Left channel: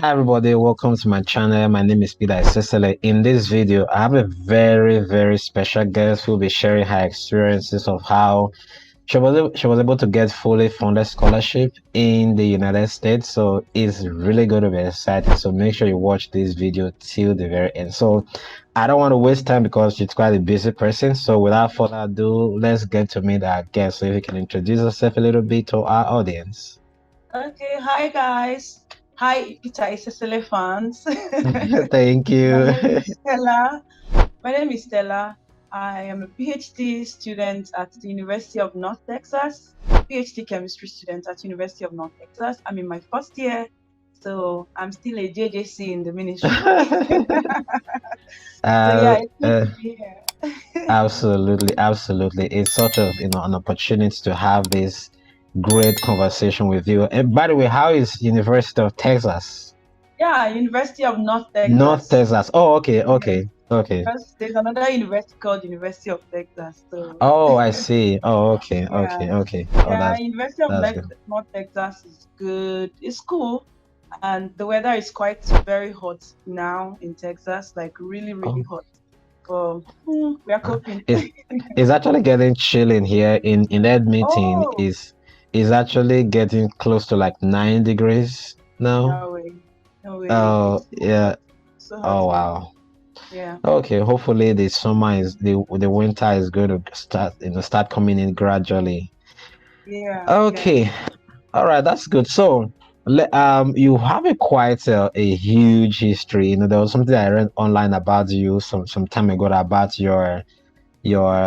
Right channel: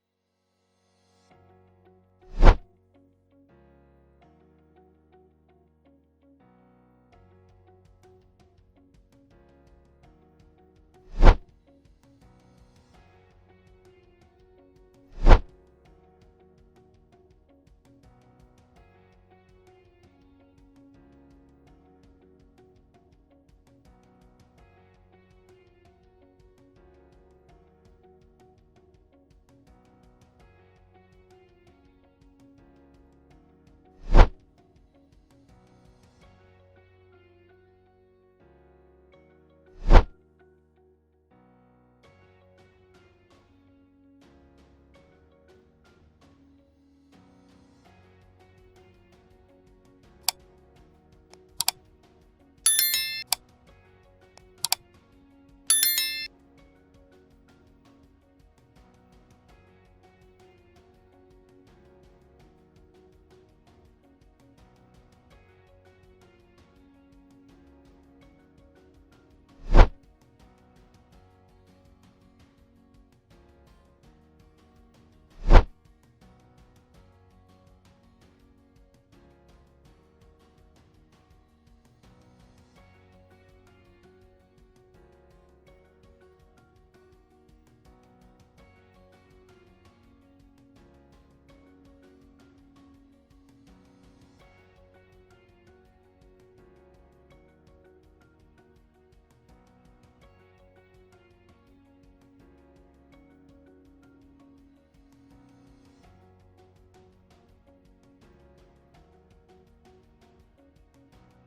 Hi everybody, welcome to my channel. My name is Peter Cecily. In this video, I have a very special guest who will be sharing her experiences of how she was able to get fully funded scholarship in the United States. So it's really going to be exciting. So make sure you watch this video till the very end. So I don't want to waste time because she's quite a busy person. So without further ado, let's get to meet our guest. So if you can introduce yourself a little bit to our audience. Okay, hi guys. Hi, Peter Cecily fans. Thank My you. name is Stella. My name is Stella. I am a PhD student at the University of North Texas, PhD chemistry student at University of North Texas. I'm in my first year, so I'm still a JJC in the ministry. So yeah, Uh, it's good uh, to be here. absolutely. It's such a an opportunity to have this great conversation with you. And by the way, how is University of Texas? Yeah, University of North North Texas. Texas. Oh, okay, Yes, okay. because there's another university called University of Texas. So Oh, I see. Oh, yeah. okay. Oh, Yeah, University of that's good. North Texas is good. It's cool, and the weather is quite very hot now in Texas, like really Oh, hot. But we are uh, coping. it's actually getting chilling here in that meeting Oh, is actually getting close to like 9 degrees now. no way, no way! Oh, It's yeah. so hot Oh, here. wow. Yeah, Okay, hopefully the summer is the winter is going to start coming in gradually. yeah. Okay, all right, that's good. So, you have a quite a huge history. There was something I read online about you some time ago about your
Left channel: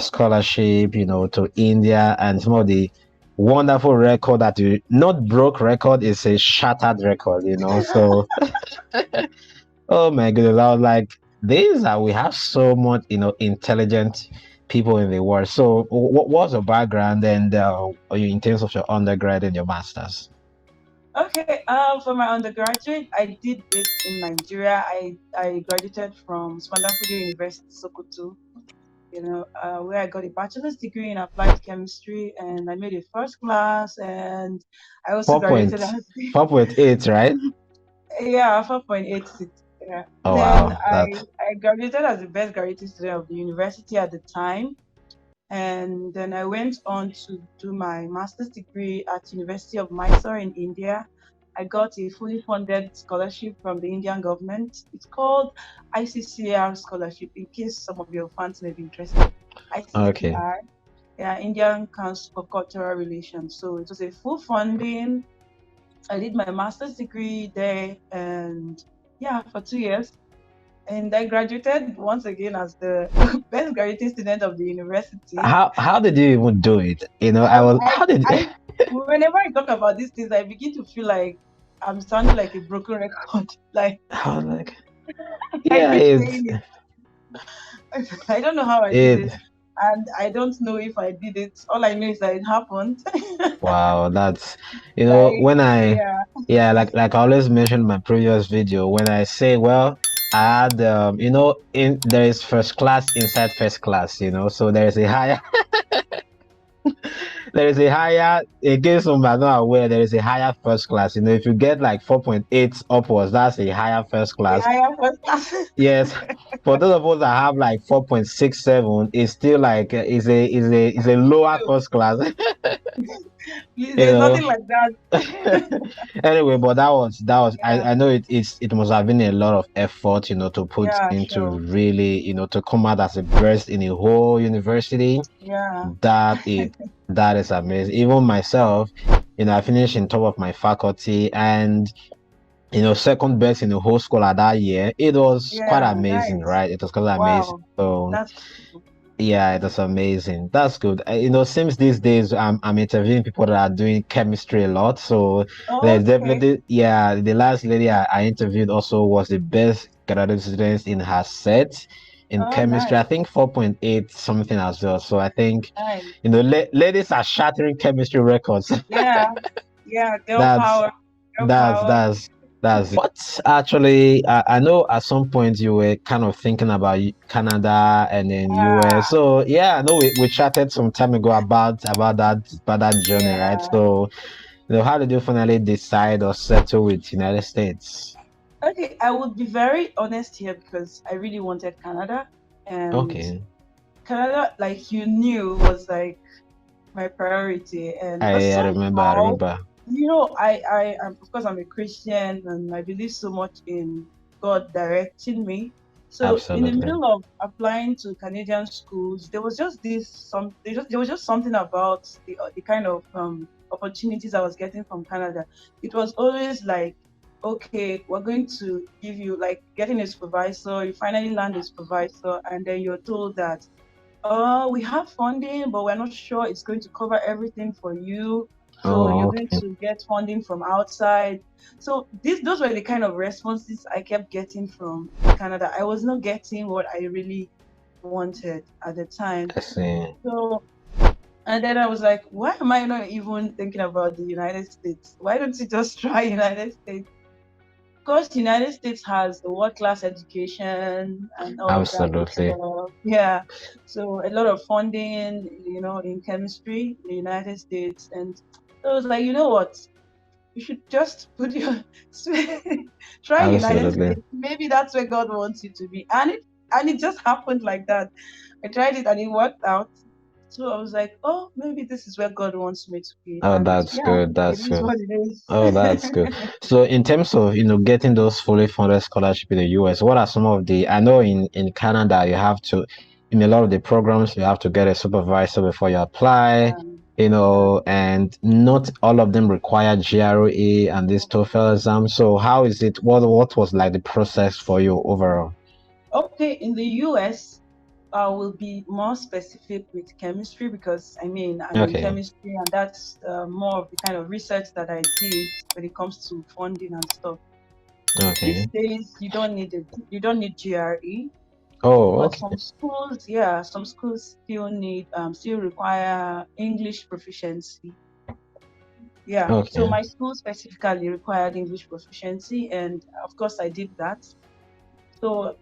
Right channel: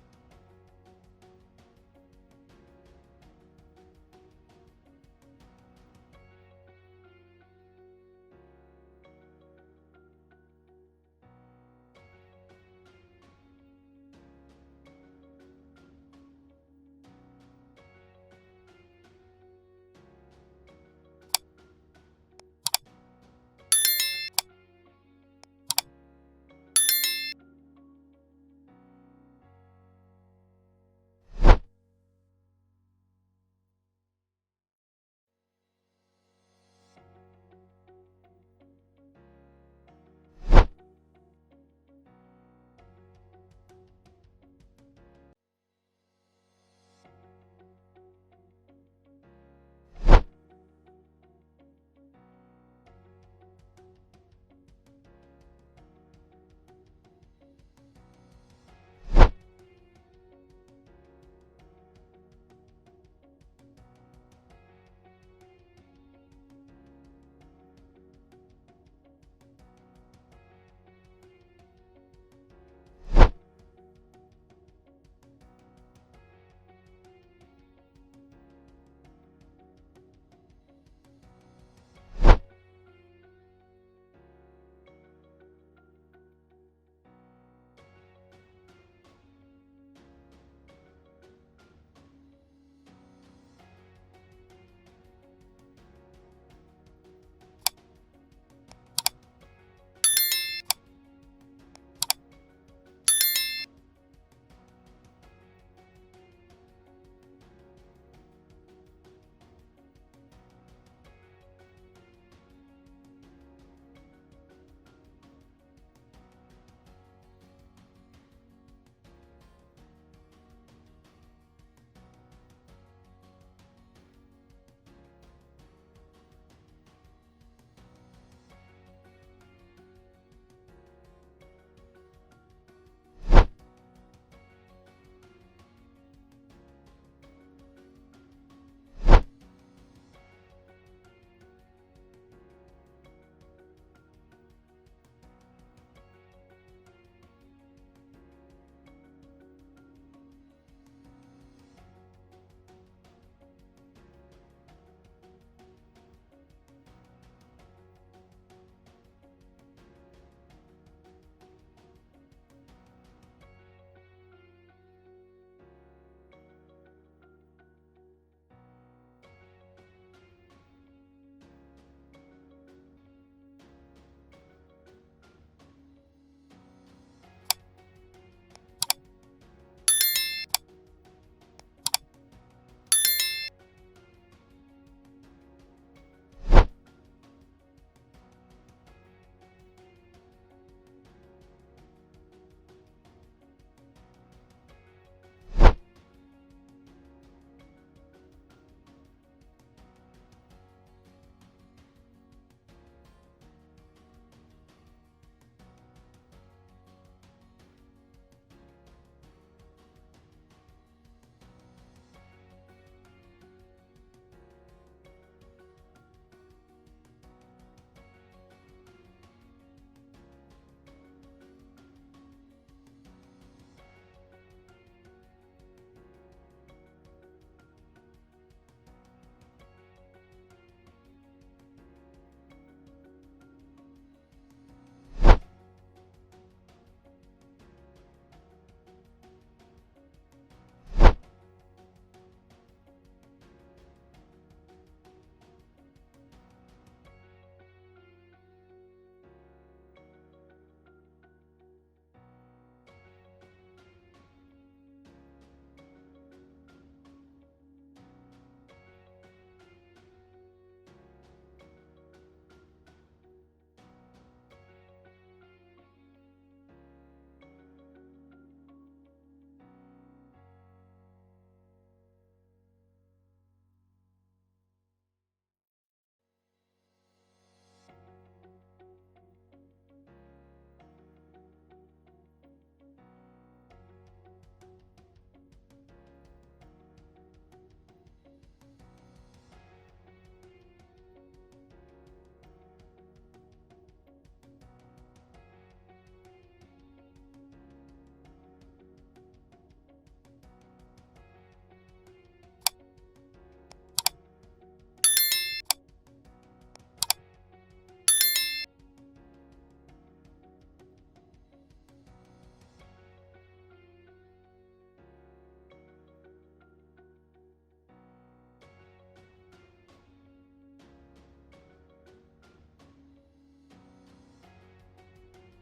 scholarship, to India and some of the wonderful record that you not broke record is a shattered record. So oh my goodness, I was like, these are we have so much, intelligent people in the world. So, what was your background and in terms of your undergrad and your masters? Okay. For my undergraduate, I did it in Nigeria. I graduated from Swandafudio University, Sokoto. Where I got a bachelor's degree in applied chemistry, and I made a first class, and I also Four graduated point, as 4.8, right? yeah, 4.86. Yeah. Oh Then wow, I graduated as the best graduate student of the university at the time, and then I went on to do my master's degree at University of Mysore in India. I got a fully funded scholarship from the Indian government. It's called ICCR scholarship. In case some of your fans may be interested, okay. ICCR, yeah, Indian Council for Cultural Relations. So it was a full funding. I did my master's degree there, and yeah, for 2 years. And I graduated once again as the best graduate student of the university. How did you even do it? I Um, was I, how did I, whenever I talk about these things, I begin to feel like I'm sounding like a broken record. Like I was like, I yeah, keep it's saying it. I don't know how I did it. it, and I don't know if I did it. All I know is that it happened. Wow, that's Like when I yeah, yeah, like I always mentioned in my previous video, when I say, well, I had in there is first class inside first class, so there is a higher there is a higher, in case some are not aware, there is a higher first class. If you get like 4.8 upwards, that's a higher first class. I am first class. Yes, for those of us that have like 4.67, it's still like is a lower first class. you There's know nothing like that. Anyway, but that was Yeah, I know it must have been a lot of effort, to put yeah, into sure. really, to come out as a best in a whole university. Yeah. That is amazing. Even myself, I finished in top of my faculty and second best in the whole school at that year. It was quite Yeah, amazing, nice. right? It was quite amazing. Wow. So That's cool. yeah, that's amazing. That's good. Since these days I'm interviewing people that are doing chemistry a lot. So there's Okay. definitely, yeah, the last lady I interviewed also was the best graduate student in her set in Oh, chemistry. I nice. think 4.8 something as well. So I think, Nice. ladies are shattering chemistry records. Yeah. Yeah. Girl That's power. Girl that's power. that's that's it. What actually, I know at some point you were kind of thinking about Canada and then US. Ah, So yeah, I know we chatted some time ago about that journey, right? yeah. So how did you finally decide or settle with United States? Okay, I would be very honest here because I really wanted Canada, and Okay. Canada, like you knew, was like my priority. And but I remember. I somehow, remember. I am, of course, I'm a Christian and I believe so much in God directing me. So in the Absolutely. middle of applying to Canadian schools, there was just something about the kind of opportunities I was getting from Canada. It was always like, okay, we're going to give you like getting a supervisor, you finally land a supervisor, and then you're told that we have funding, but we're not sure it's going to cover everything for you. So Oh, you're going okay. to get funding from outside. So those were the kind of responses I kept getting from Canada. I was not getting what I really wanted at the time. I see. So and then I was like, why am I not even thinking about the United States? Why don't you just try United States? Of course, the United States has the world class education and all of that good Absolutely. stuff. Yeah. So a lot of funding, in chemistry in the United States. And so I was like, you know what? You should just put your try United Absolutely. States. Maybe that's where God wants you to be. And it just happened like that. I tried it and it worked out. So I was like, oh, maybe this is where God wants me to be. Oh, And that's yeah, good. it That's is good. what it is. Oh, that's good. So in terms of, getting those fully funded scholarship in the US, what are some of I know in Canada you have to, in a lot of the programs, you have to get a supervisor before you apply, Yeah. and not all of them require GRE and this TOEFL exam. So how is it, what was like the process for you overall? Okay, in the US, I will be more specific with chemistry because I'm in Okay. chemistry and that's more of the kind of research that I did when it comes to funding and stuff. These Okay. days, you don't need GRE, Oh, but okay. some schools still require English proficiency. Yeah, so Okay. my school specifically required English proficiency, and of course I did that. So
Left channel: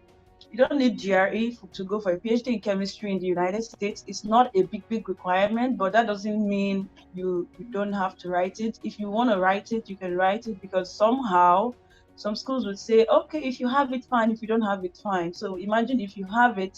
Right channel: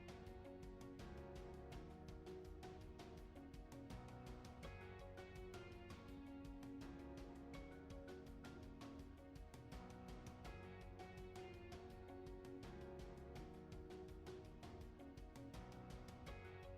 you don't need GRE to go for a PhD in chemistry in the United States. It's not a big requirement, but that doesn't mean you don't have to write it. If you want to write it, you can write it because somehow some schools would say, okay, if you have it, fine. If you don't have it, fine. So imagine if you have it.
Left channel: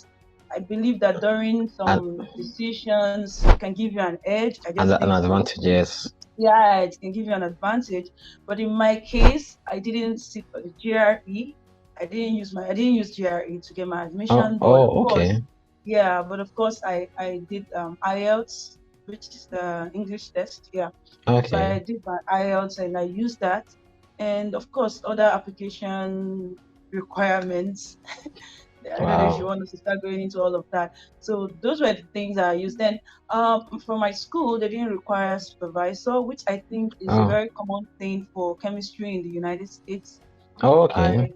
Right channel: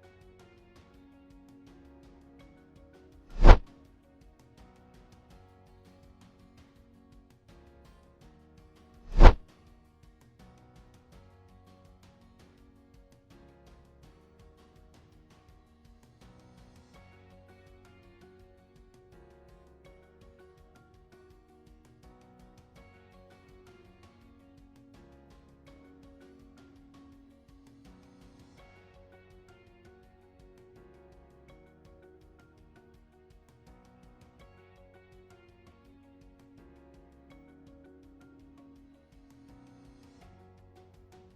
I believe that during And some decisions, it can give you an edge. I just an think so. advantage, yes. Yeah, it can give you an advantage. But in my case, I didn't sit for the GRE. I didn't use GRE to get my Oh, admission, but of oh, course, okay. yeah, but of course I did IELTS, which is the English test. Yeah. So Okay. I did my IELTS and I used that. And of course other application requirements. I don't know if you Wow. want us to start going into all of that. So those were the things that I used. Then for my school, they didn't require a supervisor, which I think is a Oh, very common thing for chemistry in the United States. oh, I okay.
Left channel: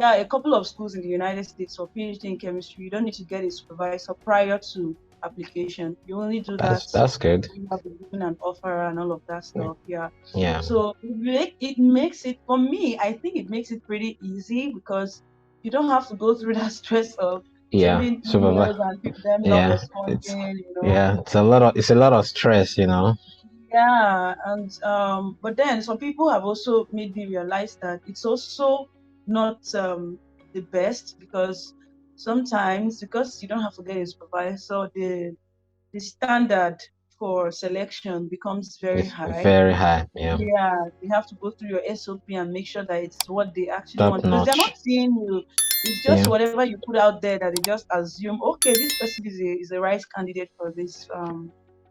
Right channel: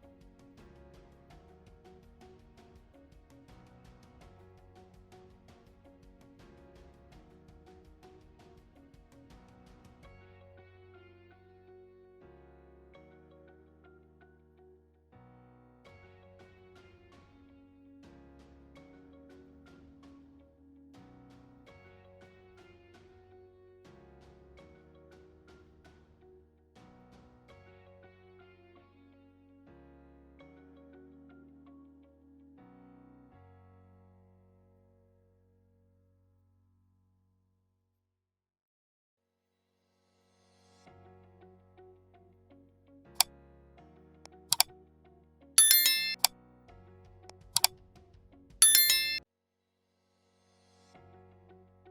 Yeah, a couple of schools in the United States for PhD in chemistry, you don't need to get a supervisor prior to application. You only do that That's good. when you have been given an offer and all of that stuff. Yeah. Yeah. So it makes it for me, I think it makes it pretty easy because you don't have to go through that stress of Yeah. sending Super. emails and them not Yeah. It's responding. yeah. It's a lot of stress. Yeah, and but then some people have also made me realize that it's also not the best because sometimes because you don't have to get a supervisor, the standard for selection becomes very It's high. very high. Yeah. Yeah, you have to go through your SOP and make sure that it's what they actually Top want because they're not notch. seeing you. It's just Yeah. whatever you put out there that they just assume, okay, this person is a right candidate for this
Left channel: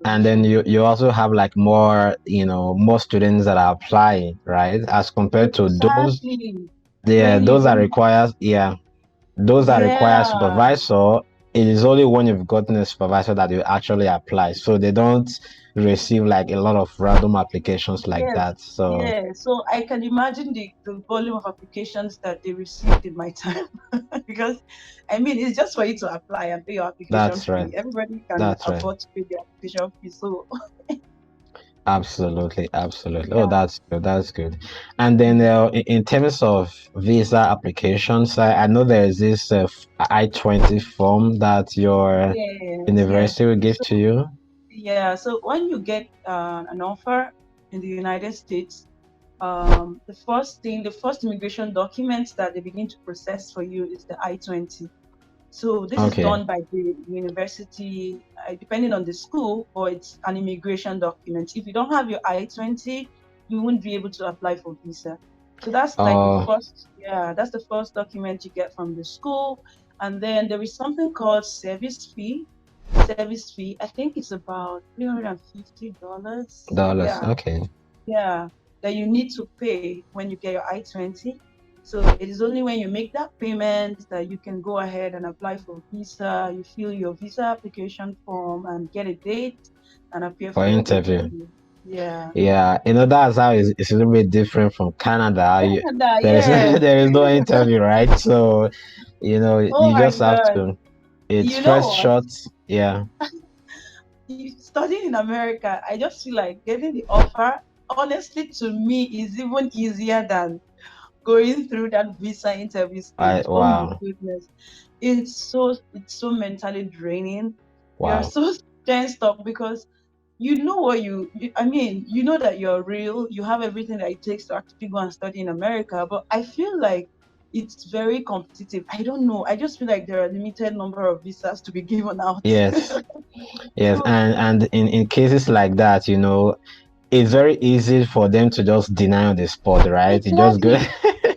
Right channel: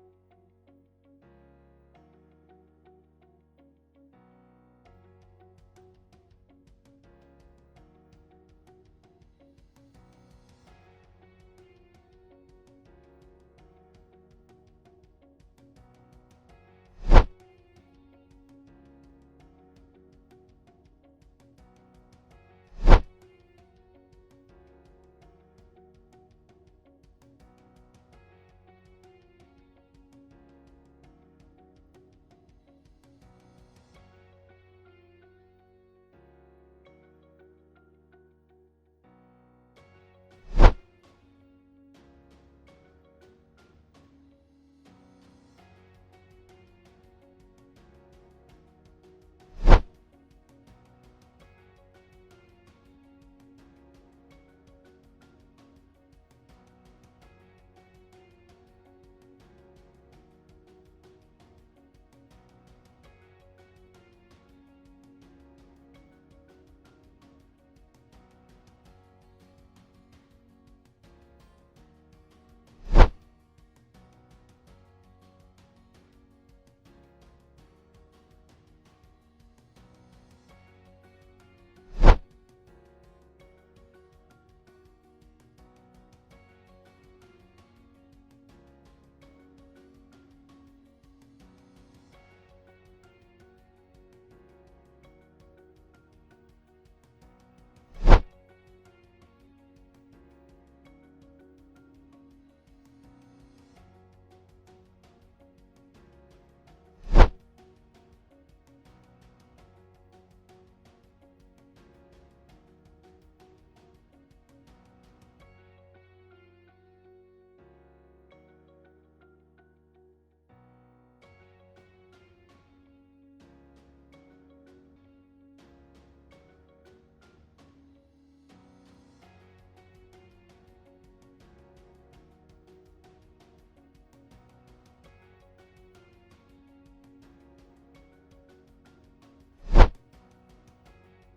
And then position. you also have like more, more students that are applying, right? As compared to those, Exactly. yeah, When you those that don't, require, yeah, those that require yeah, supervisor, it is only when you've gotten a supervisor that you actually apply. So they don't receive like a lot of random applications like yes, that. So yeah. So I can imagine the volume of applications that they received in my time because I mean it's just for you to apply and pay your application that's right. fee. Everybody can That's right. afford to pay the application fee. So Absolutely, absolutely. Oh, yeah, that's good. That's good. And then in terms of visa applications, I know there is this I-20 form that your yes, yes. university will give So to you. yeah, so when you get an offer in the United States, the first immigration document that they begin to process for you is the I-20. So this is Okay. done by the university, depending on the school, but it's an immigration document. If you don't have your I-20, you won't be able to apply for visa. So that's like the Oh, first, yeah, that's the first document you get from the school. And then there is something called service fee. Service fee, I think it's about $350. dollars. Yeah, Okay. yeah, that you need to pay when you get your I-20. So it is only when you make that payment that you can go ahead and apply for visa. You fill your visa application form and get a date and appear For for your interview. interview. Yeah. Yeah, that's how it's a little bit different from Canada. Canada, There is yes. there is no interview, right? So, Oh you my just have God. to. It's You know first what? shot. Yeah. Studying in America, I just feel like getting the offer, honestly, to me, is even easier than going through that visa interview stage. Oh my Wow. goodness. It's so mentally draining. You're Wow. so tensed up because you know what I mean, you know that you're real, you have everything that it takes to actually go and study in America, but I feel like it's very competitive. I don't know. I just feel like there are a limited number of visas to be given out. Yes. Yes. So And in cases like that, it's very easy for them to just deny on the spot, right? You just go. exactly.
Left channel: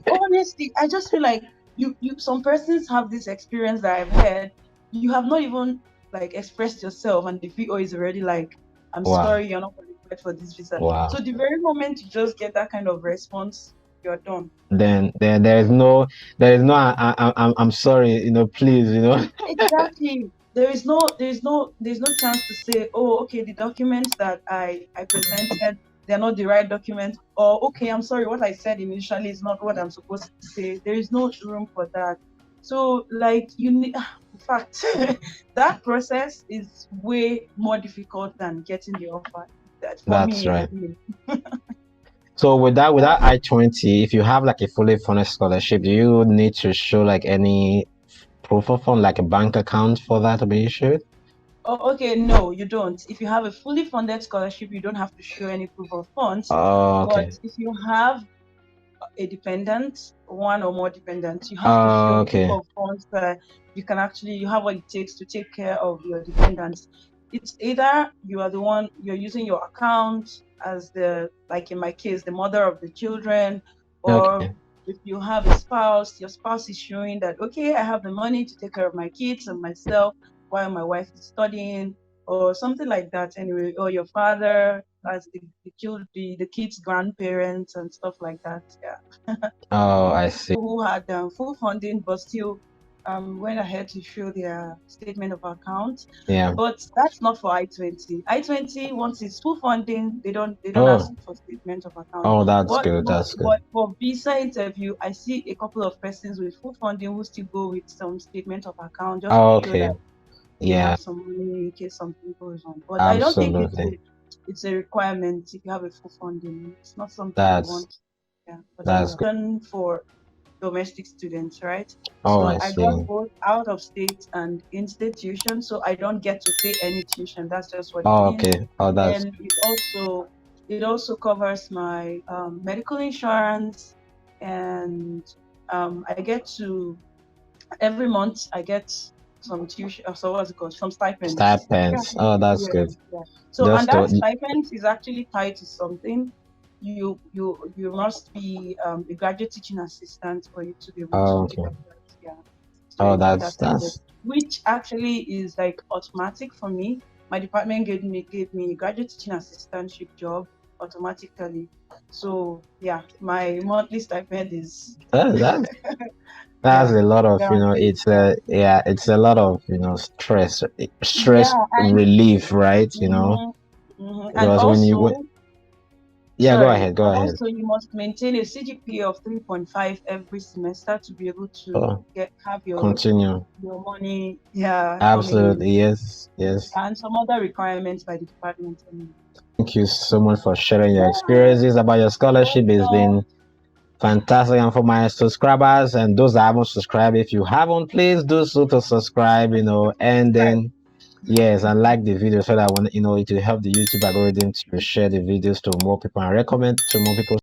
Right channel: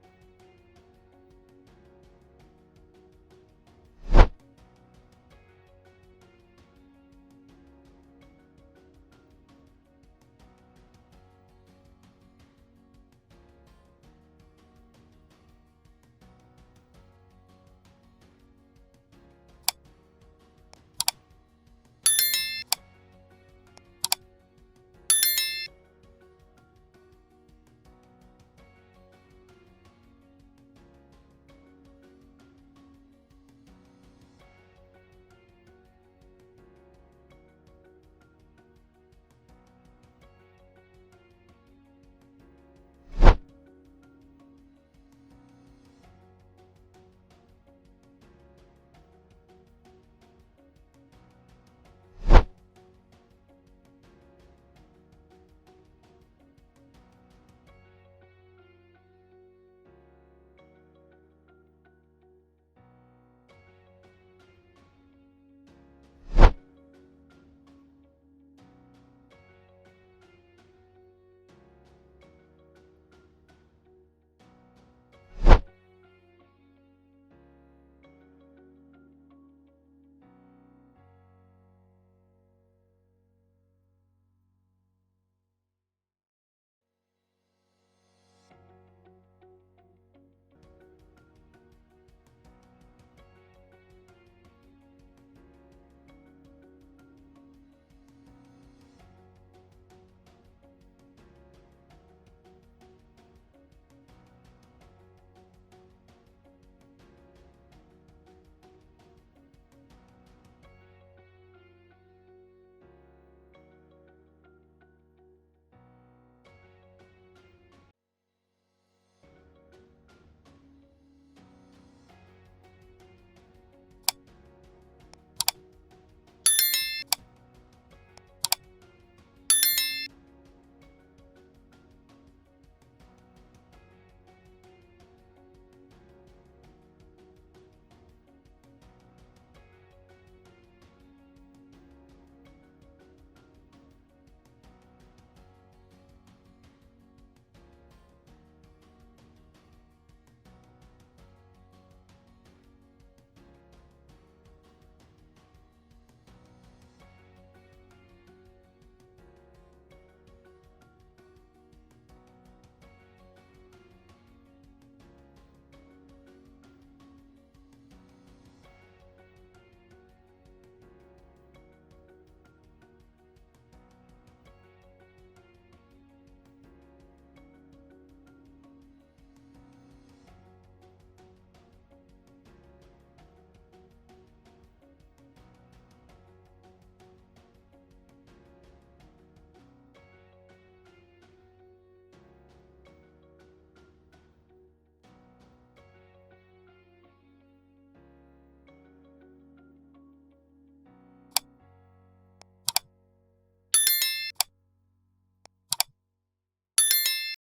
Honestly, I just feel like you some persons have this experience that I've heard. You have not even like expressed yourself, and the VO is already like, "I'm Wow. sorry, you're not qualified for this visa." Wow. So the very moment you just get that kind of response, you're done. Then there is no I'm sorry, please. Exactly. There's no chance to say, oh, okay, the documents that I presented, they're not the right document, or okay, I'm sorry, what I said initially is not what I'm supposed to say. There is no room for that. So like you need in fact that process is way more difficult than getting the offer. That for That's me right. anyway. So with that I-20, if you have like a fully funded scholarship, do you need to show like any proof of fund, like a bank account for that to be issued? Oh, okay, no, you don't. If you have a fully funded scholarship, you don't have to show any proof of funds. Oh, But okay. if you have a dependent, one or more dependents, you have to show Oh, proof okay. of funds that you have what it takes to take care of your dependents. It's either you are the one you're using your account as like in my case, the mother of the children, or Okay. if you have a spouse, your spouse is showing that, okay, I have the money to take care of my kids and myself while my wife is studying, or something like that anyway, or your father as the kids' grandparents and stuff like that. Yeah. Oh, I've I met see. people who had full funding but still went ahead to show their statement of account. Yeah. But that's not for I-20. I-20, once it's full funding, they don't ask Oh, for statement of account. oh, that's But good. but That's good. but for visa interview, I see a couple of persons with full funding who still go with some statement of account just to Oh, show okay. that they Yeah, have some money in case something goes on. But I don't think absolutely. it's a requirement if you have a full funding. It's not something they That's want. Yeah, but that's anyway, good. for domestic students, right? Oh, So I I got see. both out of state and in-state tuition, so I don't get to pay any tuition. That's just what it Oh, means. okay. Oh, that's Then it also covers my medical insurance, and I get to every month I get some tuition. So what's it called? Some stipends. Yeah, stipends. Oh, that's yeah, good. yeah. So and Just to that stipend is actually tied to something. You must be a graduate teaching assistant for you to be able oh, to okay. get that. Yeah. So Oh, you get that's that stipend, that's which actually is like automatic for me. My department gave me a graduate teaching assistantship job automatically. So yeah, my monthly stipend is that's that's yeah a lot of, guaranteed. it's Yeah. it's a lot of, stress Yeah, and relief, right? and Because also, yeah, go sorry, ahead, go and ahead. also you must maintain a CGPA of 3.5 every semester to be able to Oh, get have continue. your money, yeah, coming in, Absolutely, yes, yes. and some other requirements by the department. Thank you so much for sharing your Yeah, experiences about your you're scholarship. It's been welcome. fantastic. And for my subscribers and those that haven't subscribed, if you haven't, please do so to subscribe, and Right. then yes, and like the video so that when it will help the YouTube algorithm to share the videos to more people and recommend to more people